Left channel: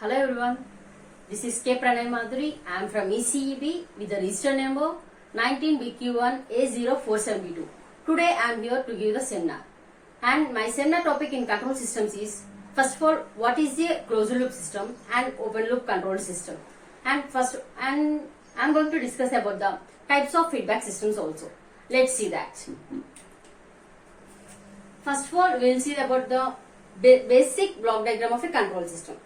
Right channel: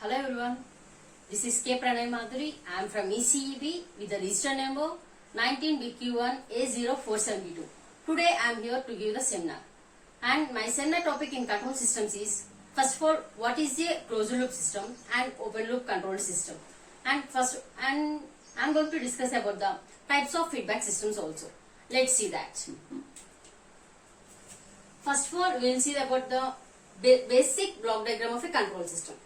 Hello everyone, this is K. Pranay Madhuri. I am from ECEB with the register number 19BQ1A0472. Today I am here to give the seminar. And my seminar topic in control systems is, first of all, what is a closed loop system and open loop control system. And I am going to discuss about the types of feedback systems also. Let's see that. First of all, we will see about the basic block diagram of a control system.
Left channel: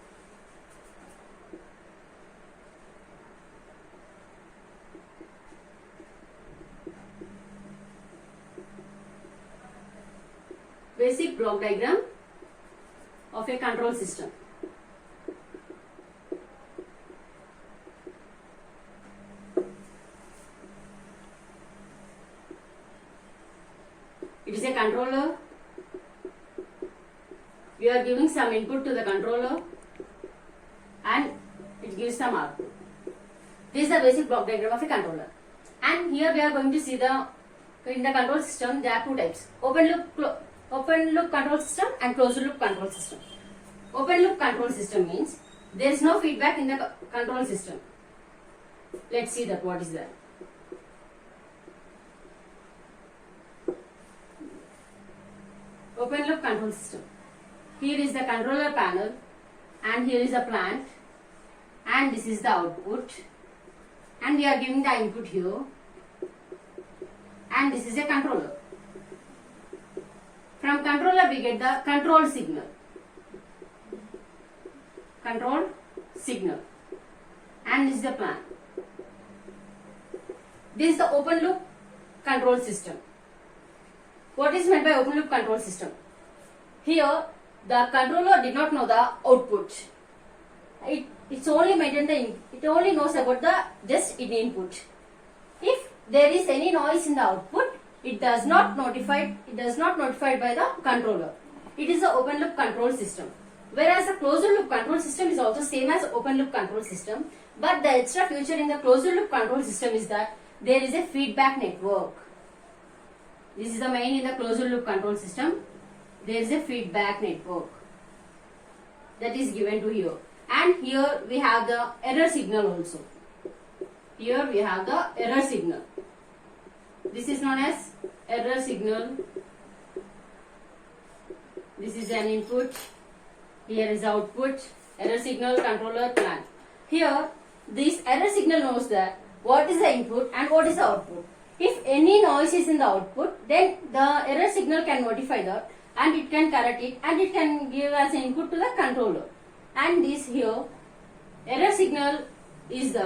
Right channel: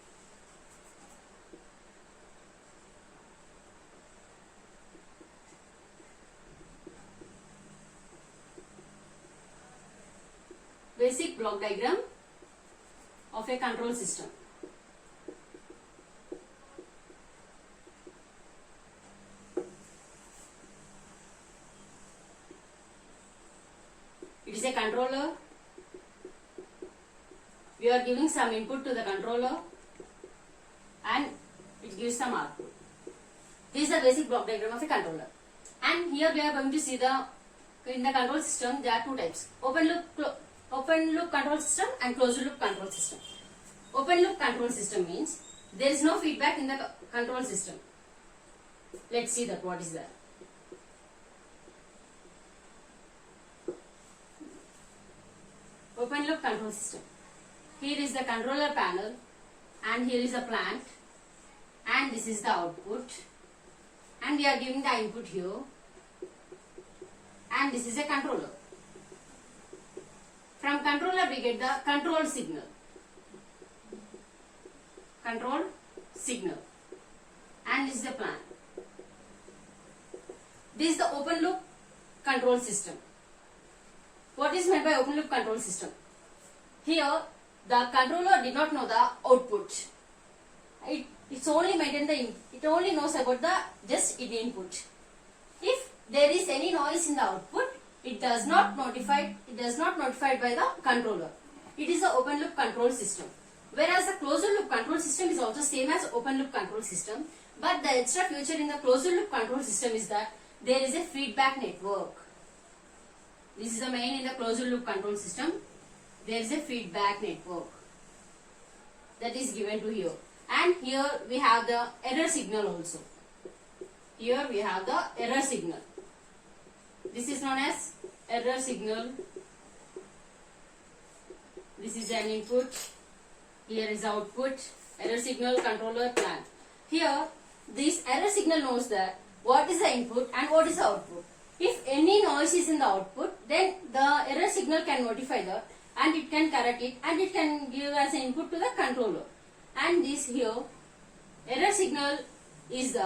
Basic block diagram of a control system. It is a controller. We are giving some input to the controller and it gives some output. This is the basic block diagram of a controller. And here we are going to see in the control system there are two types: open loop control system and closed loop control system. Open loop control system means there is no feedback in the control system. Let's see that what is that. Open loop control system. Here is the controller panel and here is the plant and this is the output and we are giving the input here and this is a controller. From controller we get the control signal. Control signal. And this is the plant. This is the open loop control system. What is meant by open loop control system? Here the controller did not know the output. It only knows about the just input. If there is any noise in the output, it does not notified by the controller. It is the open loop control system. Whereas the closed loop control system is also same as open loop control system, but the extra feature in the closed loop control system is that there is a feedback network. This is the main in the closed loop control system. There is a feedback network that is given to here. And here we have the error signal also. Here we have the error signal. This is known as error signal. This is an input. Here is output. Error signal, controller, plant. Here this error signal knows that what is the input and what is the output. If any noise is in the output, then the error signal can notify that and it can correct it and it can give as an input to the controller. And this here error signal is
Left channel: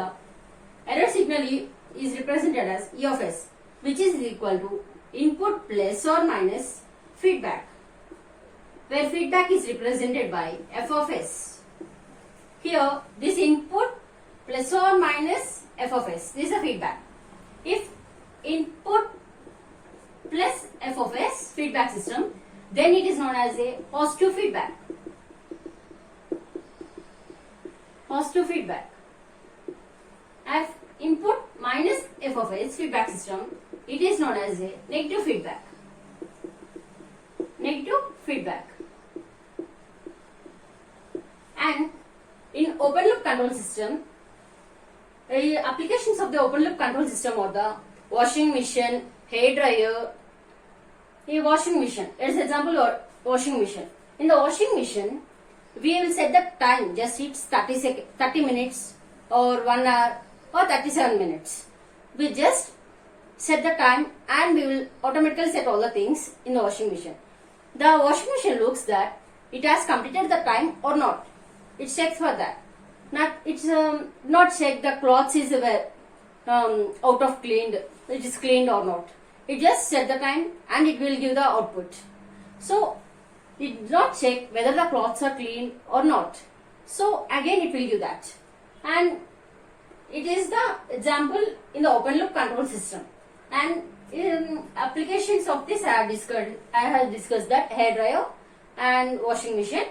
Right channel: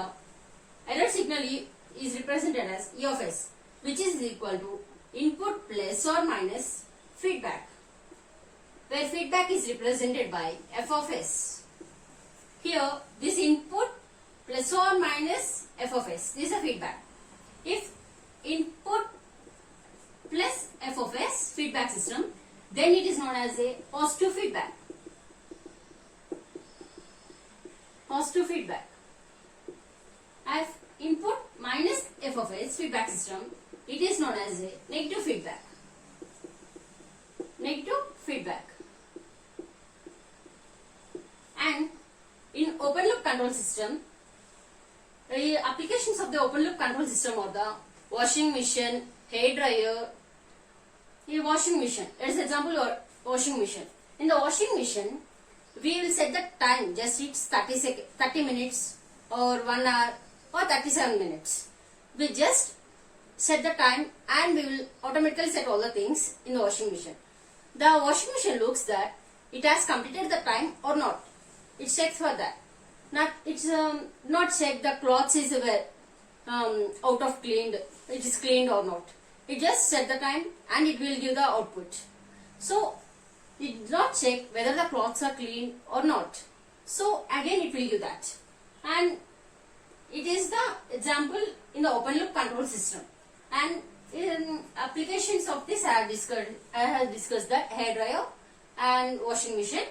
represented as E of S, which is equal to input plus or minus feedback, where feedback is represented by F of S. Here this input plus or minus F of S, this is a feedback. If input plus F of S, feedback system, then it is known as a positive feedback. Positive feedback. As input minus F of S, feedback system, it is known as a negative feedback. Negative feedback. And in open loop control system, applications of the open loop control system are the washing machine, hair dryer. A washing machine. Let's example or washing machine. In the washing machine, we will set the time. Just it's 30 minutes or 1 hour or 37 minutes. We just set the time and we will automatically set all the things in the washing machine. The washing machine looks that it has completed the time or not. It checks for that. It's not check the clothes is out of cleaned. It is cleaned or not. It just set the time and it will give the output. So it does not check whether the cloths are clean or not. So again it will give that. And it is the example in the open loop control system. And in applications of this I have discussed that hair dryer and washing machine.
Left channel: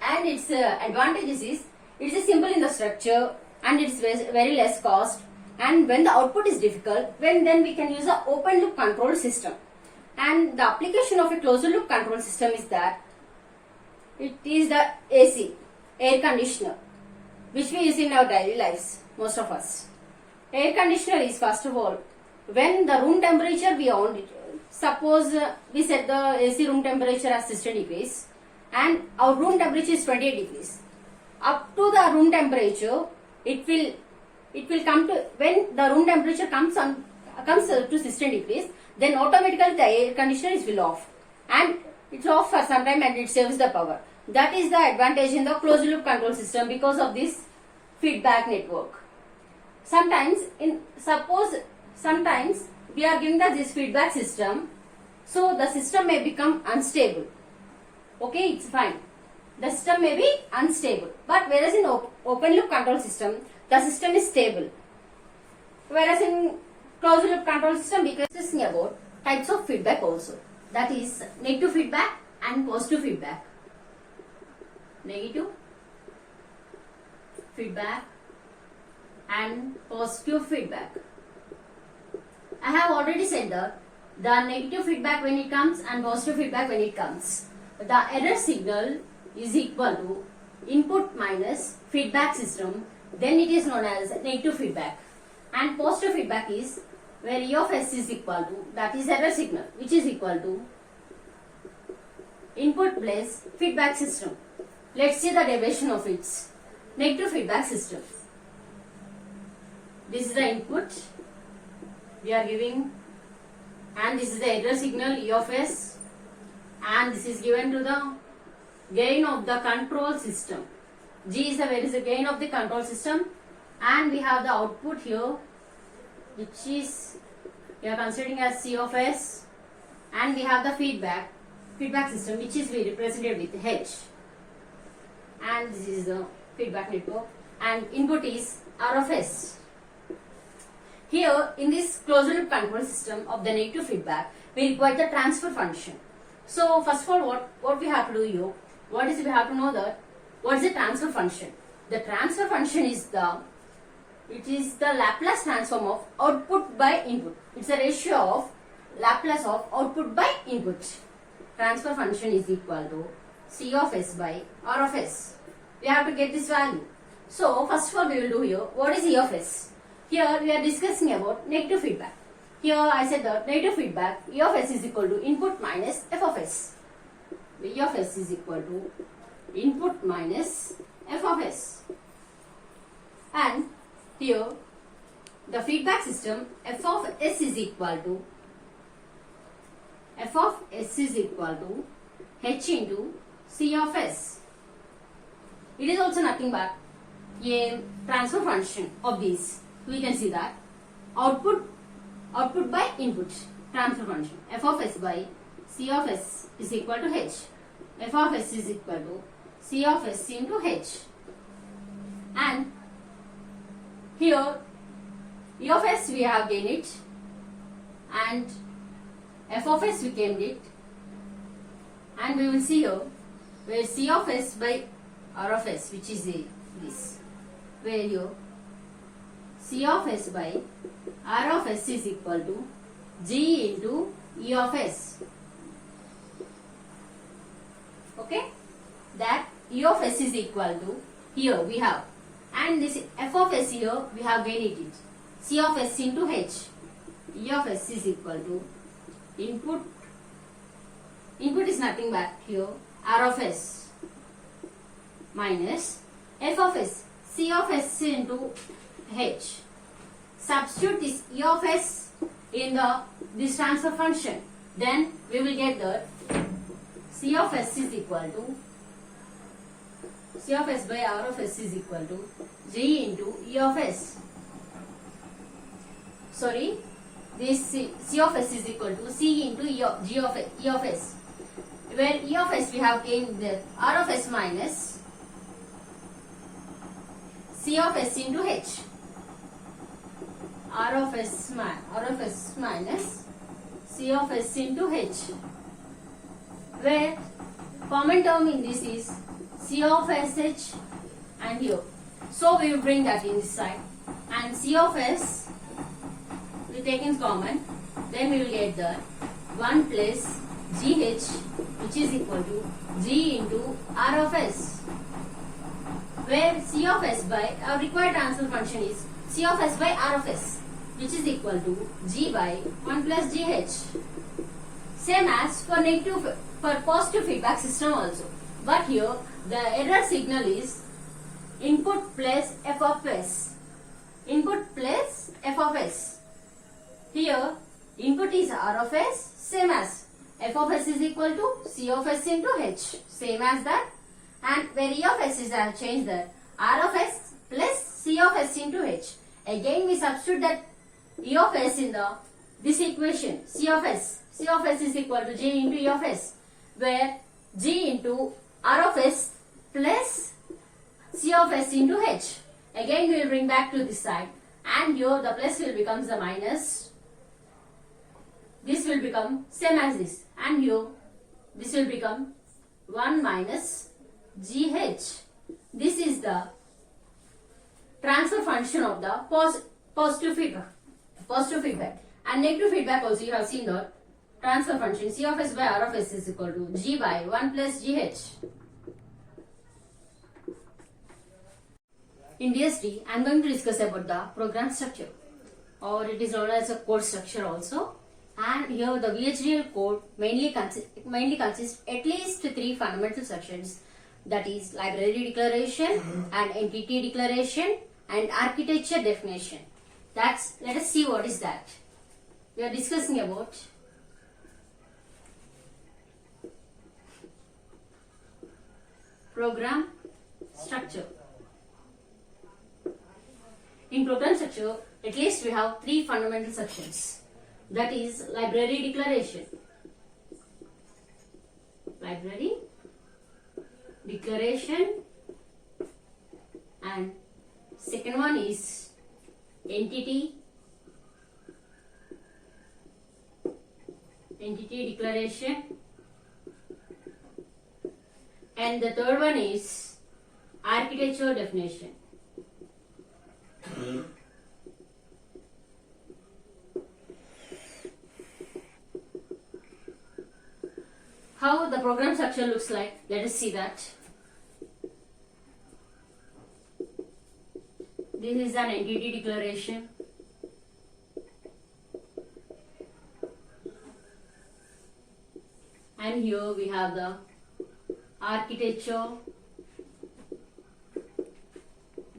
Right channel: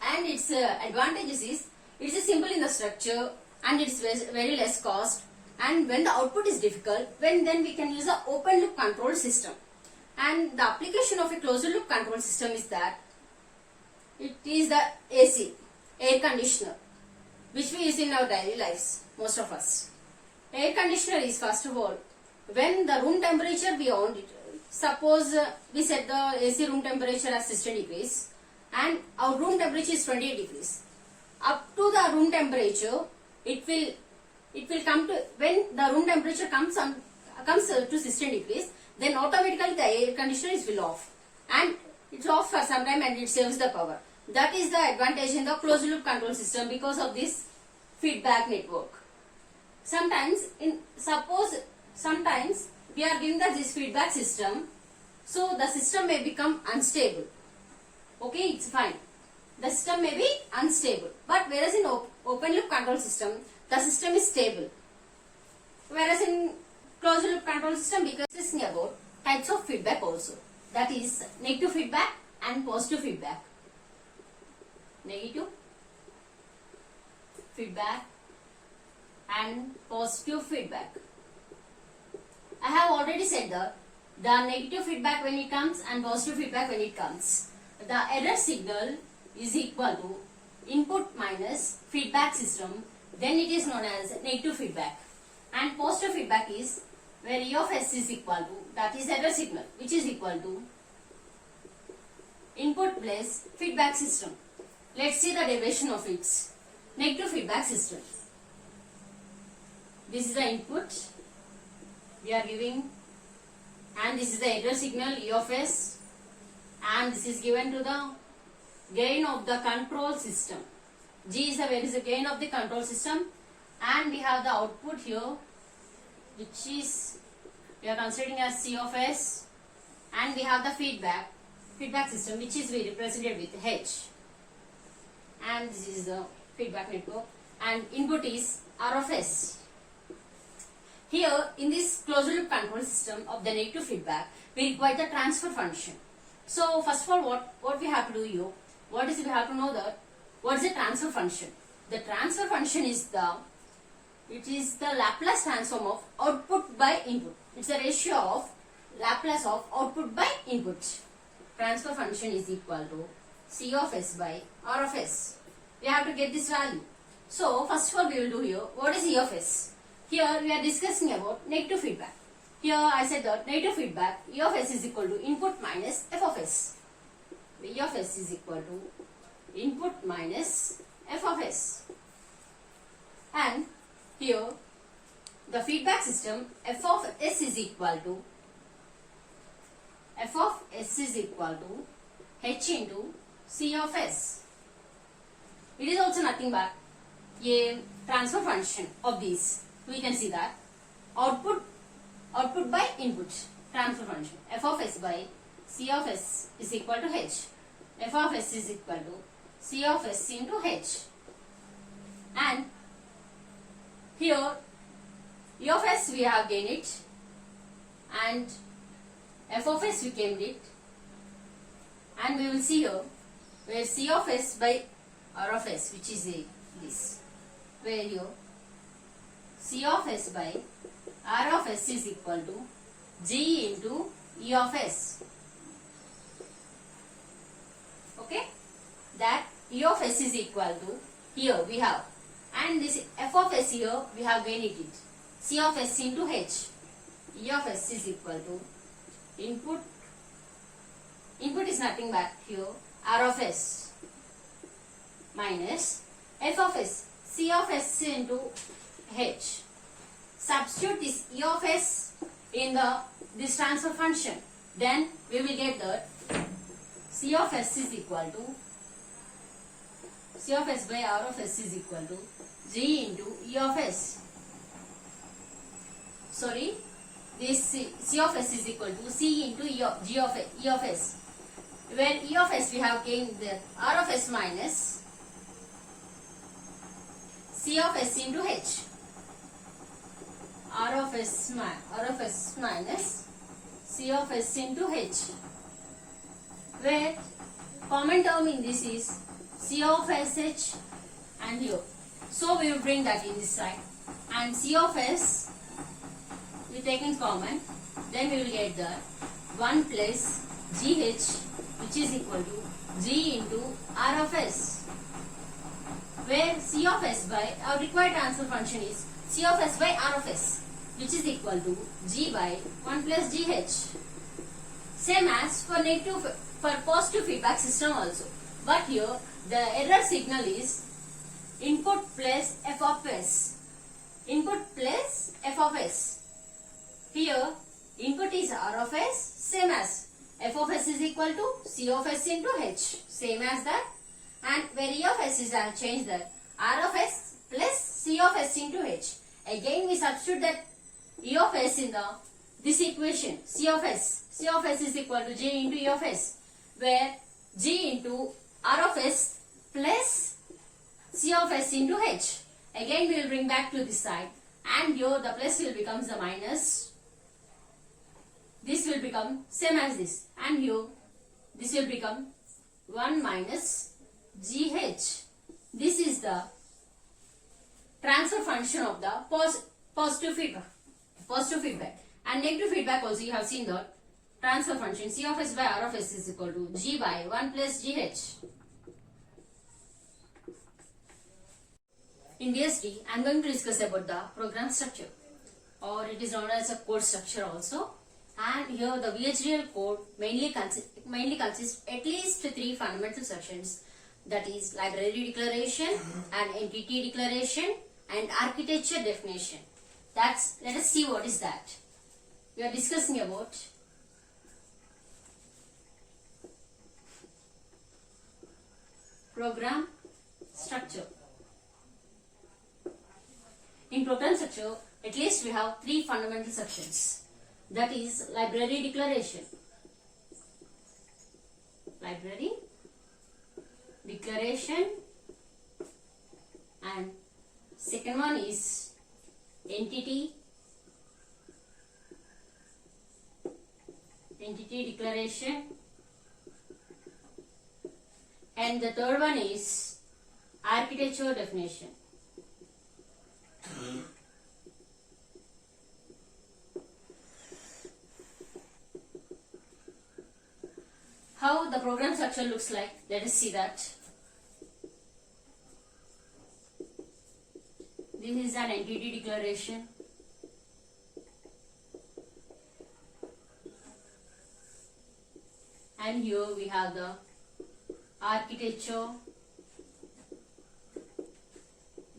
And its advantages is it is simple in the structure and it is very less cost. And when the output is difficult, then we can use the open loop control system. And the application of a closed loop control system is that it is the AC. air conditioner, which we use in our daily lives, most of us. Air conditioner is, first of all, when the room temperature we on it. Suppose we set the AC room temperature as 60 degrees and our room temperature is 28 degrees. Up to the room temperature, it will come to, when the room temperature comes to 60 degrees, then automatically the air conditioner will off, and it's off for some time and it saves the power. That is the advantage in the closed loop control system because of this feedback network. Sometimes we are giving this feedback system, so the system may become unstable. Okay, it's fine. The system may be unstable, but whereas in open loop control system, the system is stable. Whereas in closed loop control system, we can discuss about types of feedback also. That is negative feedback and positive feedback. Negative feedback and positive feedback. I have already said that the negative feedback when it comes and positive feedback when it comes. The error signal is equal to input minus feedback system, then it is known as negative feedback. And positive feedback is where E of S is equal to, that is error signal, which is equal to input plus feedback system. Let's see the derivation of its negative feedback system. This is the input we are giving, and this is the error signal E of S, and this is given to the gain of the control system. G is the gain of the control system, and we have the output here, which is we are considering as C of S, and we have the feedback system, which is represented with H, and this is the feedback network, and input is R of S. Here in this closed loop control system of the negative feedback, we require the transfer function. So first of all, what we have to do here, we have to know that what is the transfer function. The transfer function is the Laplace transform of output by input. It's a ratio of Laplace of output by input. Transfer function is equal to C of S by R of S. We have to get this value. So first of all, we will do here, what is E of S? Here we are discussing about negative feedback. Here I said that negative feedback, E of S is equal to input minus F of S. E of S is equal to input minus F of S. And here the feedback system, F of S is equal to H into C of S. It is also nothing but a transfer function of these. We can see that output by input, transfer function, F of S by C of S is equal to H. F of S is equal to C of S into H. And here E of S we have gained it, and F of S we gained it, and we will see here where C of S by R of S, which is this, where here C of S by R of S is equal to G into E of S. Okay, that E of S is equal to, here we have, and this F of S here we have gained it, C of S into H. E of S is equal to input is nothing but here R of S minus F of S, C of S into H. Substitute this E of S in this transfer function, then we will get that C of S is equal to, C of S by R of S is equal to G into E of S. Sorry, this C of S is equal to C into E of S. Where E of S we have gained the R of S minus C of S into H. R of S minus C of S into H. Where common term in this is C of SH and here. So we will bring that in this side, and C of S we taking common, then we will get the 1 plus GH, which is equal to G into R of S. where C of S by our required transfer function is C of S by R of S, which is equal to G by 1 plus GH. Same as for positive feedback system also. But here the error signal is input plus F of S. Input plus F of S. Here input is R of S, same as F of S is equal to C of S into H, same as that. And where E of S is, I have changed that, R of S plus C of S into H. Again we substitute that E of S in this equation, C of S. C of S is equal to G into E of S, where G into R of S plus C of S into H. Again we will bring back to this side, and here the plus will become the minus. This will become same as this, and here this will become 1 minus GH. This is the transfer function of the positive feedback. And negative feedback also you have seen the transfer function C of S by R of S is equal to G by 1 plus GH. In DSD, I am going to discuss about the program structure, or it is known as a code structure also. And here the VHDL code mainly consists at least 3 fundamental sections, that is library declaration and entity declaration and architecture definition. Let us see what is that. We are discussing about program structure. In program structure, at least we have 3 fundamental sections. That is library declaration. Library declaration, and second one is entity declaration, and the third one is architecture definition. How the program structure looks like, let us see that. This is an entity declaration. And here we have the architecture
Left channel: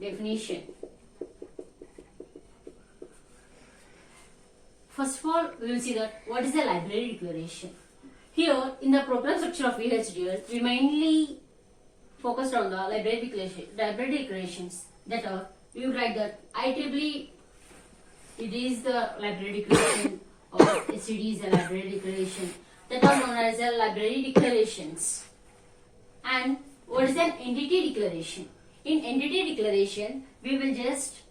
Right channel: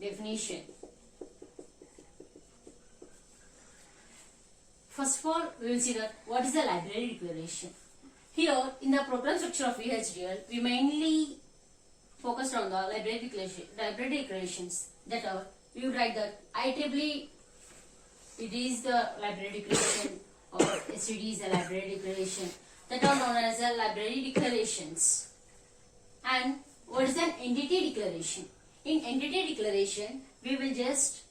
definition. First of all, we will see that what is the library declaration. Here in the program structure of VHDL, we mainly focused on the library declarations. That are, we would write that IEEE, it is the library declaration, or STD is a library declaration. That are known as the library declarations. And what is an entity declaration? In entity declaration, we will just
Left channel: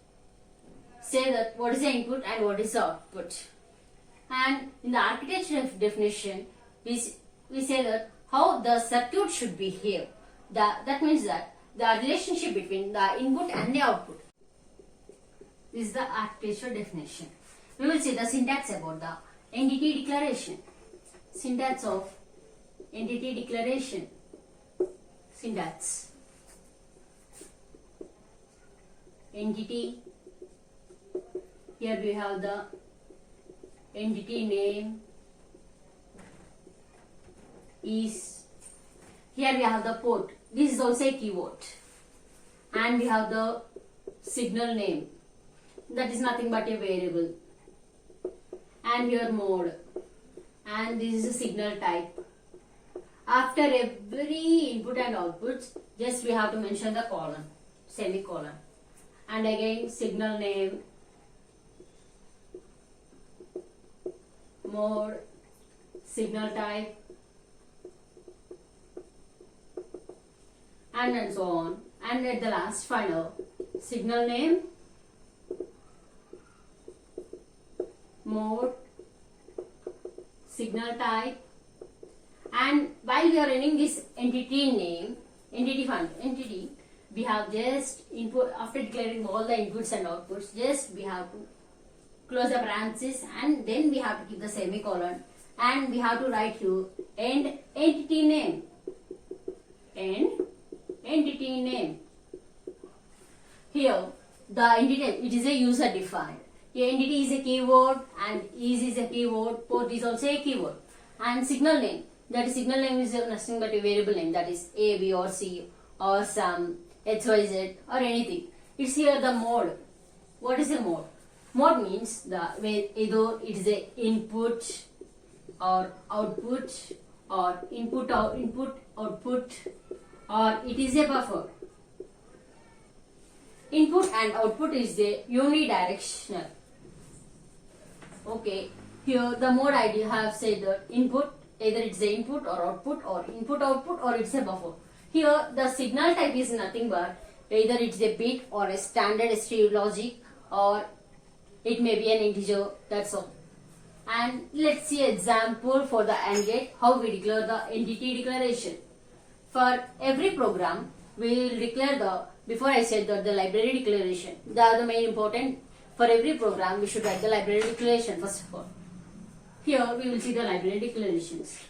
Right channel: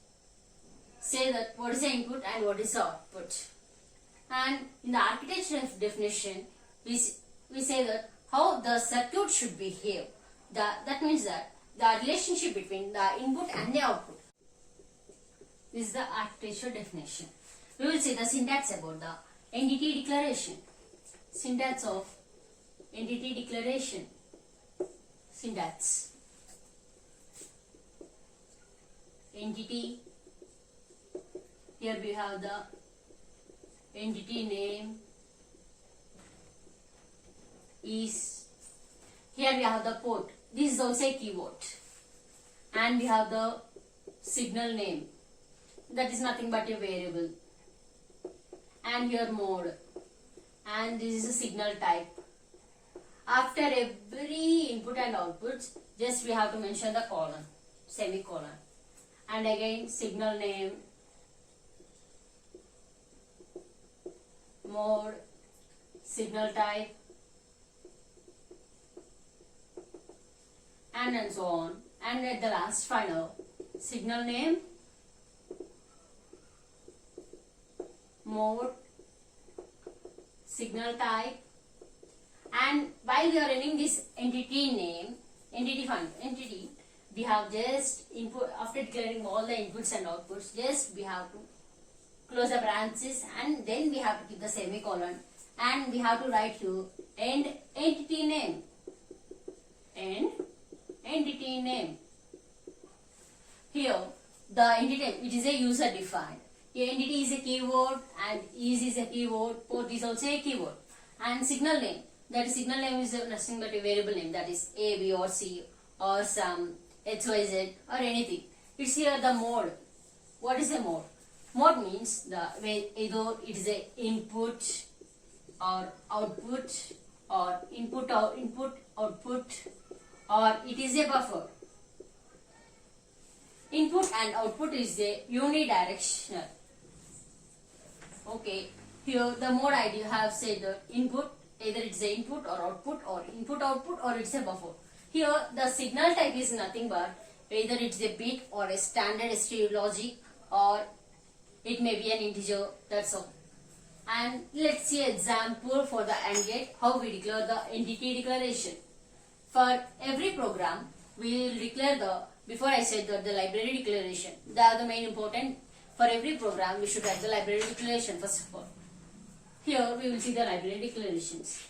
say that what is the input and what is the output. And in the architecture definition, we say that how the circuit should behave. That means that the relationship between the input and the output. This is the architecture definition. We will see the syntax about the entity declaration. Syntax of entity declaration. Syntax. Entity. Here we have the entity name is. Here we have the port. This is also a keyword. And we have the signal name. That is nothing but a variable. And here mode. And this is a signal type. After every input and output, just we have to mention the colon, semicolon. And again signal name, mode, signal type, and so on. And at the last final, signal name, mode, signal type. And while we are running this entity name, entity, we have just input, after declaring all the inputs and outputs, just we have to close the parenthesis, and then we have to keep the semicolon, and we have to write here and entity name, and entity name. Here, the entity, it is a user defined. A entity is a keyword and is a keyword, port is also a keyword. And signal name, that is signal name is nothing but a variable name, that is A, B or C or some X, Y, Z or anything. It's here the mode. What is a mode? Mode means the either it is a input or output or input output or it is a buffer. Input and output is the unidirectional. Okay, here the mode ID have said that input, either it's the input or output or it's a buffer. Here the signal type is nothing but either it's a bit or a standard STU logic or it may be an integer, that's all. And let's see example for the AND gate, how we declare the entity declaration. For every program, we will declare the, before I said that the library declaration, they are the main important. For every program, we should write the library declaration first of all. Here we will see the library declarations.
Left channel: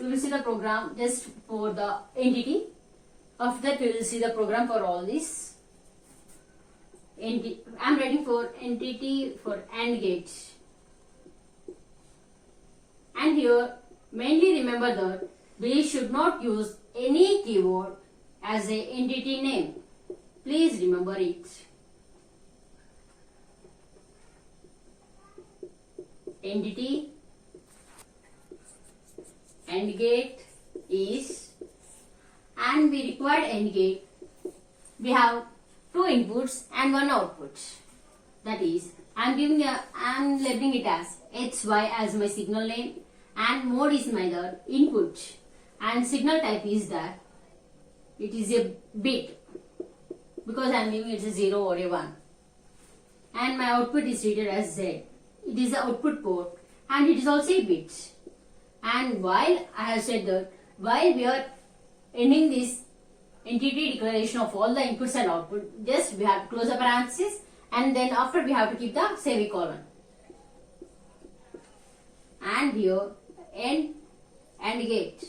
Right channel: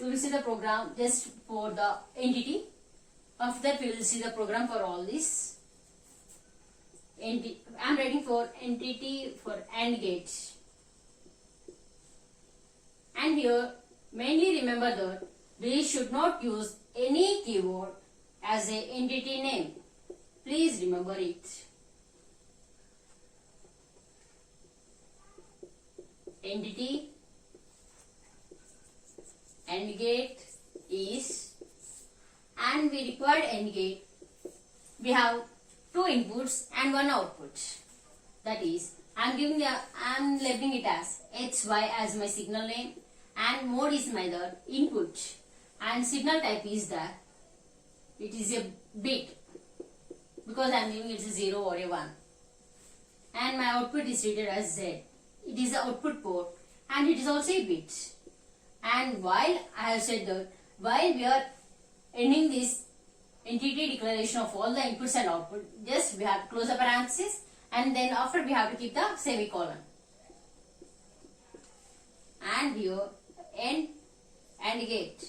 We will see the program just for the entity. After that, we will see the program for all this. I'm writing for entity for AND gate. And here, mainly remember that we should not use any keyword as a entity name. Please remember it. Entity AND gate is, and we required AND gate, we have 2 inputs and 1 output. That is, I'm labeling it as XY as my signal name and mode is my the input and signal type is that it is a bit because I'm giving it a 0 or a 1 and my output is treated as Z. It is the output port and it is also a bit. And while I have said that while we are ending this entity declaration of all the inputs and output, just we have to close the parenthesis and then after we have to keep the semicolon. And here AND gate.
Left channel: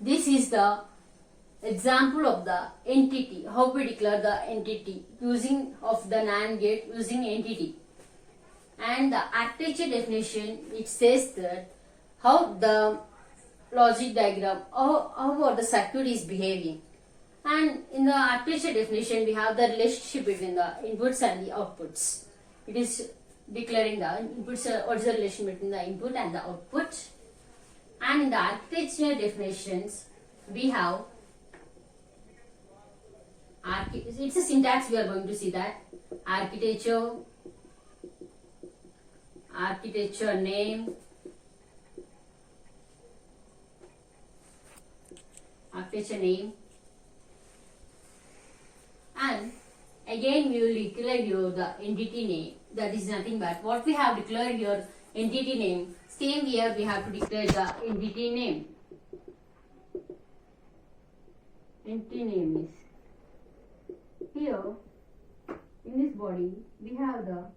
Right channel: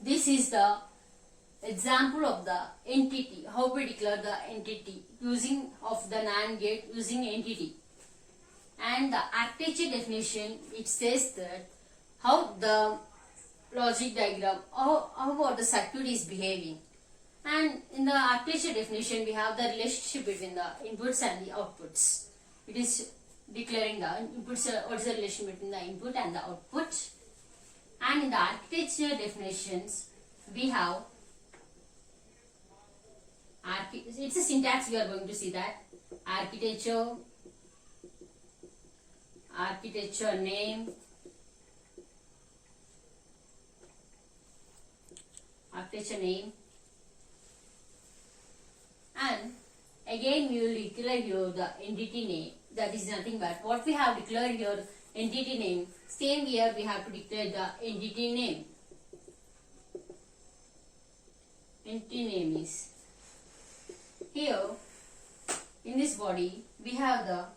This is the example of the entity, how we declare the entity using of the NAND gate using entity. And the architecture definition, it says that how the logic diagram, how the circuit is behaving. And in the architecture definition, we have the relationship between the inputs and the outputs. It is declaring the inputs, what is the relation between the input and the output. And in the architecture definitions, we have, it's a syntax, we are going to see that. Architecture name, and again we will declare here the entity name, that is nothing but what we have declared here, entity name. Same here we have to declare the entity name. Entity name is here in this body we have the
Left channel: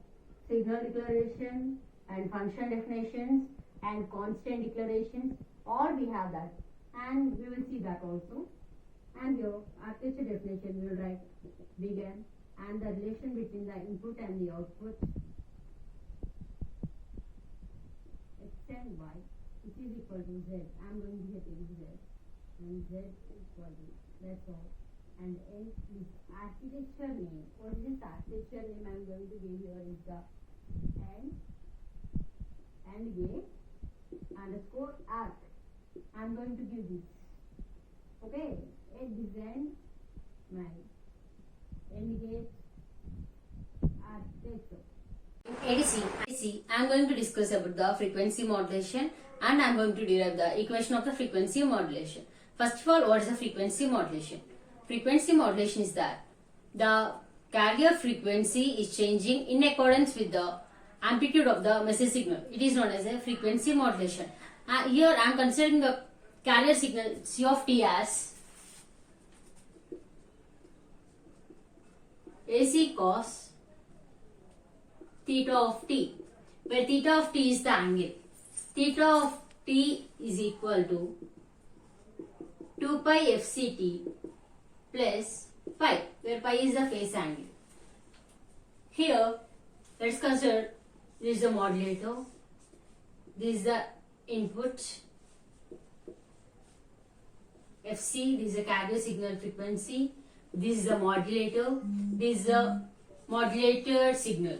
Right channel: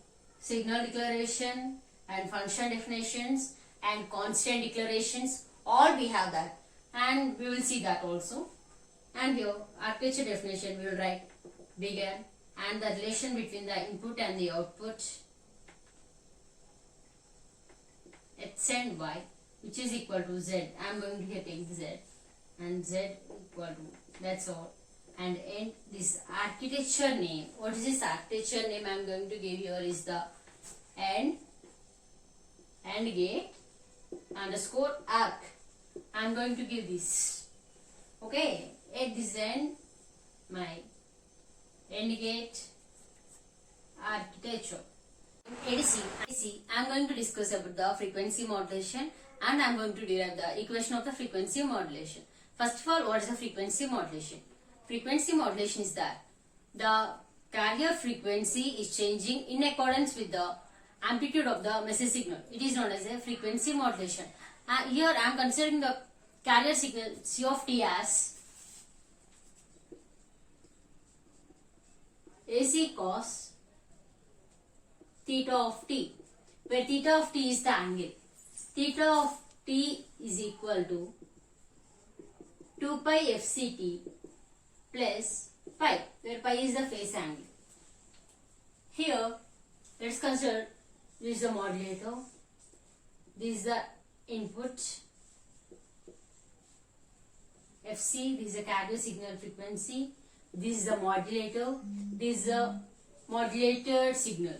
signal declaration and function definitions and constant declarations, all we have that, and we will see that also. And here architecture definition we will write begin and the relation between the input and the output x and y, which is equal to z. I am going to here take z and z equal to, that's all. And end this architecture name. What is this architecture name I am going to give here is the AND gate underscore arc. I am going to give this. Okay, at this end my AND gate architecture. In ADC, I am going to discuss about the frequency modulation and I am going to derive the equation of the frequency modulation. First of all, what is the frequency modulation? Frequency modulation is that the carrier frequency is changing in accordance with the amplitude of the message signal. It is known as a frequency modulation. Here I am considering the carrier signal C of t as AC cos theta of t, where theta of t is the angle. Theta of t is equal to 2 pi fct plus pi, where pi is the phase angle. Here, let's consider this is the modulator, this is the input fc, this is the carrier signal frequency, this is the modulator, this is the modulated signal.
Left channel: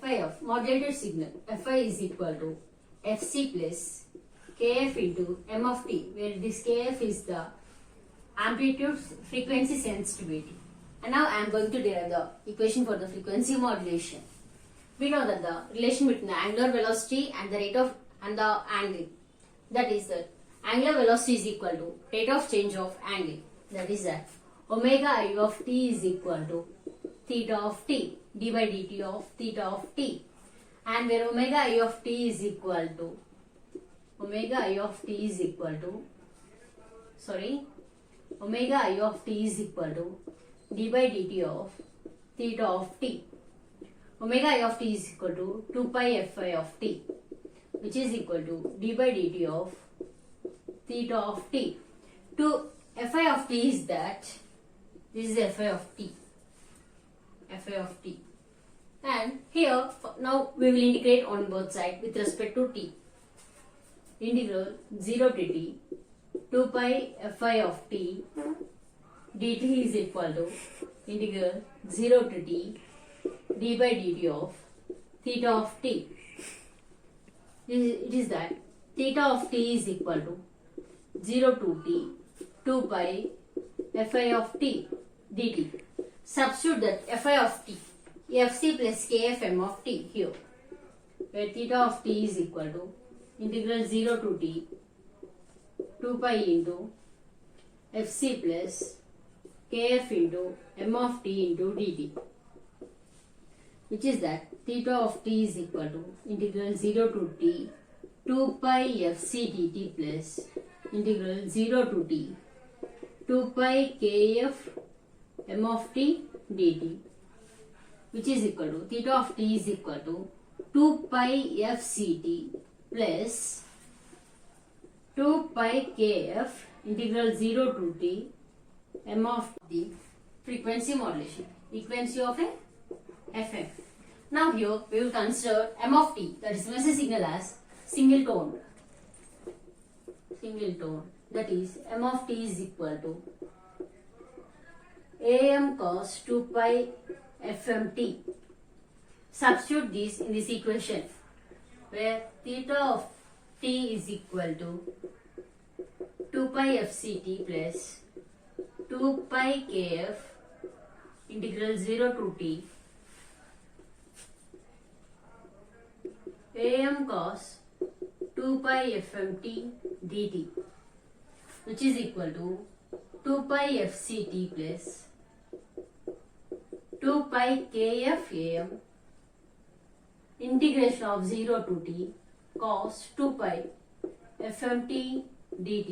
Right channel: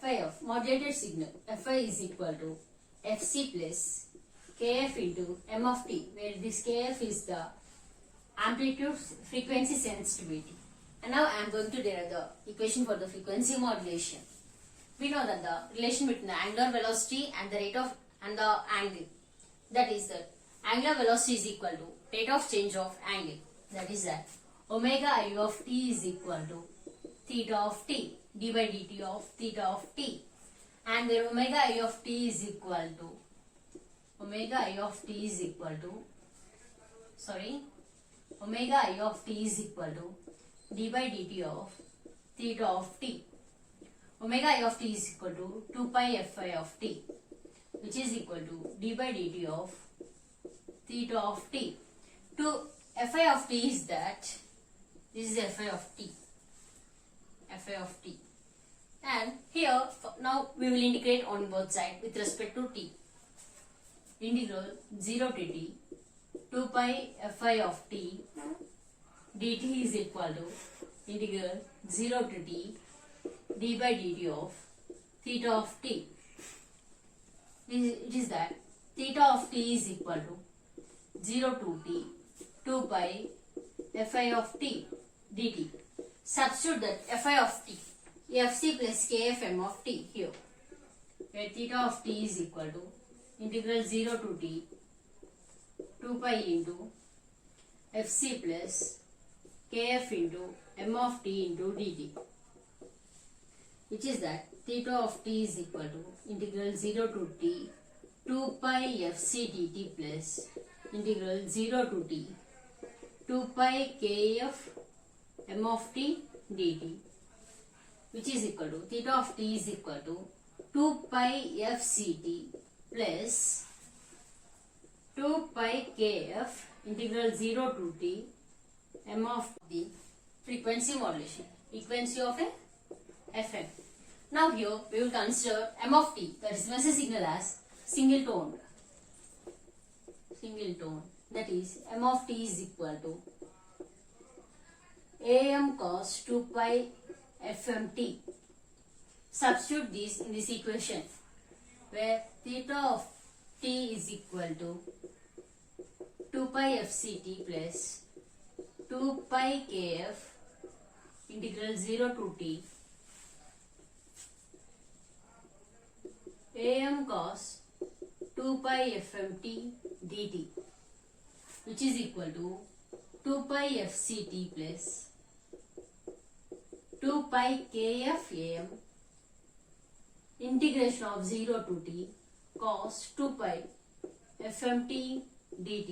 Fi of modulated signal, Fi is equal to fc plus kf into m of t, where this kf is the amplitude frequency sensitivity. And now I am going to derive the equation for the frequency modulation. We know that the relation between the angular velocity and the rate of and the angle, that is that angular velocity is equal to rate of change of angle, that is that omega I of t is equal to theta of t d by dt of theta of t, and where omega I of t is equal to omega I of t is equal to d by dt of theta of t. Omega I of t is equal to 2 pi fi of t, which is equal to d by dt of theta of t. To fi of t is that this is fi of t, and here now we will integrate on both sides with respect to t. Integral 0 to t 2 pi fi of t dt is equal to integral 0 to t d by dt of theta of t. It is that theta of t is equal to 0 to t 2 pi fi of t dt. Substitute that fi of t fc plus kf m of t here, where theta of t is equal to integral 0 to t 2 pi into fc plus kf into m of t into dt, which is that theta of t is equal to integral 0 to t 2 pi fc dt plus integral 0 to t 2 pi kf m of t dt, which is equal to theta of t is equal to 2 pi fct plus 2 pi kf integral 0 to t m of the frequency modulation, frequency of a FM. Now here we will consider m of t, that is message signal, as single tone, that is m of t is equal to am cos 2 pi fmt. Substitute this in this equation, where theta of t is equal to 2 pi fct plus 2 pi kf integral 0 to t am cos 2 pi fmt dt, which is equal to 2 pi fct plus 2 pi kf am integration of 0 to t cos 2 pi fmt dt,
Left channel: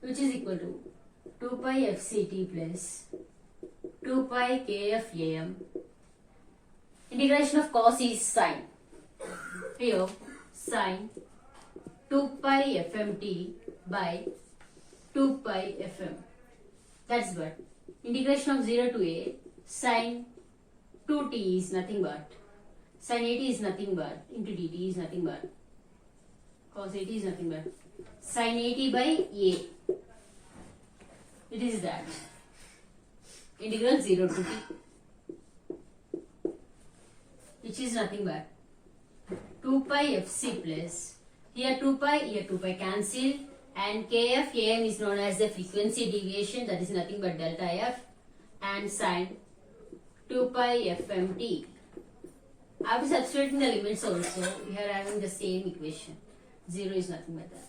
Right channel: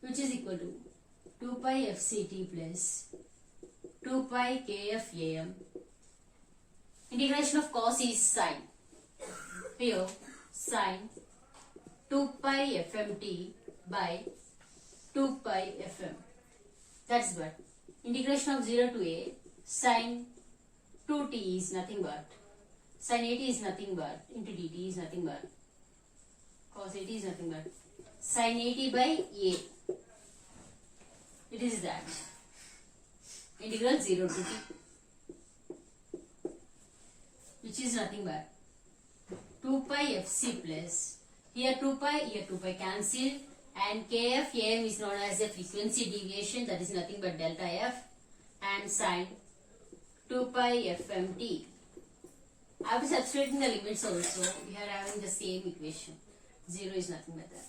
which is equal to 2 pi fct plus 2 pi kf am. Integration of cos is sine. Here sine 2 pi fmt by 2 pi fm. That's what. Integration of 0 to a sine 2t is nothing but sine 80 is nothing but into dt is nothing but cos 80 is nothing but sine 80 by a. It is that integral 0 to t, which is nothing but 2 pi fc plus here 2 pi cancel, and kf am is known as the frequency deviation, that is nothing but delta f, and sine 2 pi fmt. After substituting the limits also, we are having the same equation. 0 is nothing but that.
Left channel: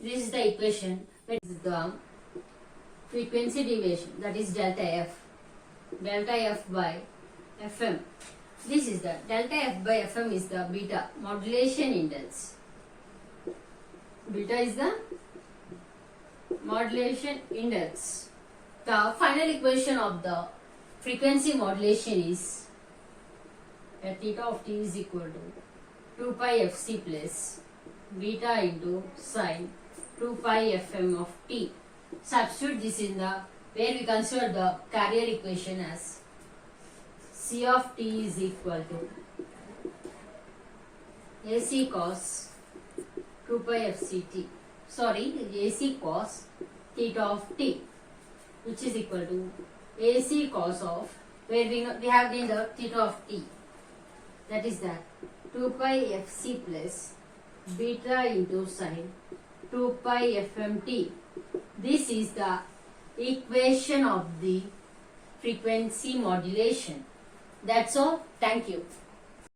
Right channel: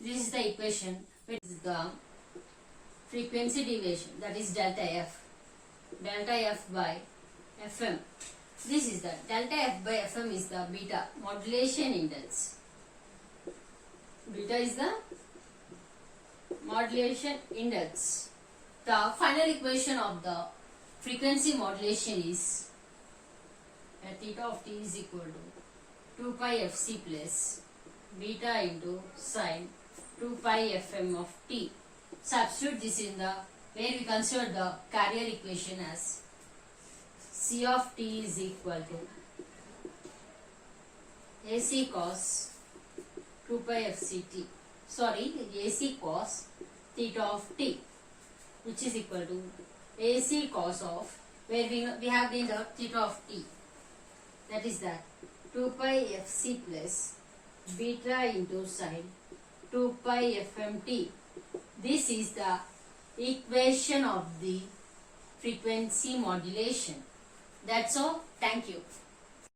This is the equation with the frequency deviation, that is delta f by fm. This is the delta f by fm is the beta modulation index. Beta is the modulation index. The final equation of the frequency modulation is that theta of t is equal to 2 pi fc plus beta into sine 2 pi fm of t. Substitute this in the where we consider the carrier equation as c of t is equal to ac cos 2 pi fct. Sorry, ac cos theta of t, which is equal to ac cos of where we have been the theta of t, that is that 2 pi fc plus beta into sine 2 pi fmt. This is the equation of the frequency modulation. That's all. Thank you.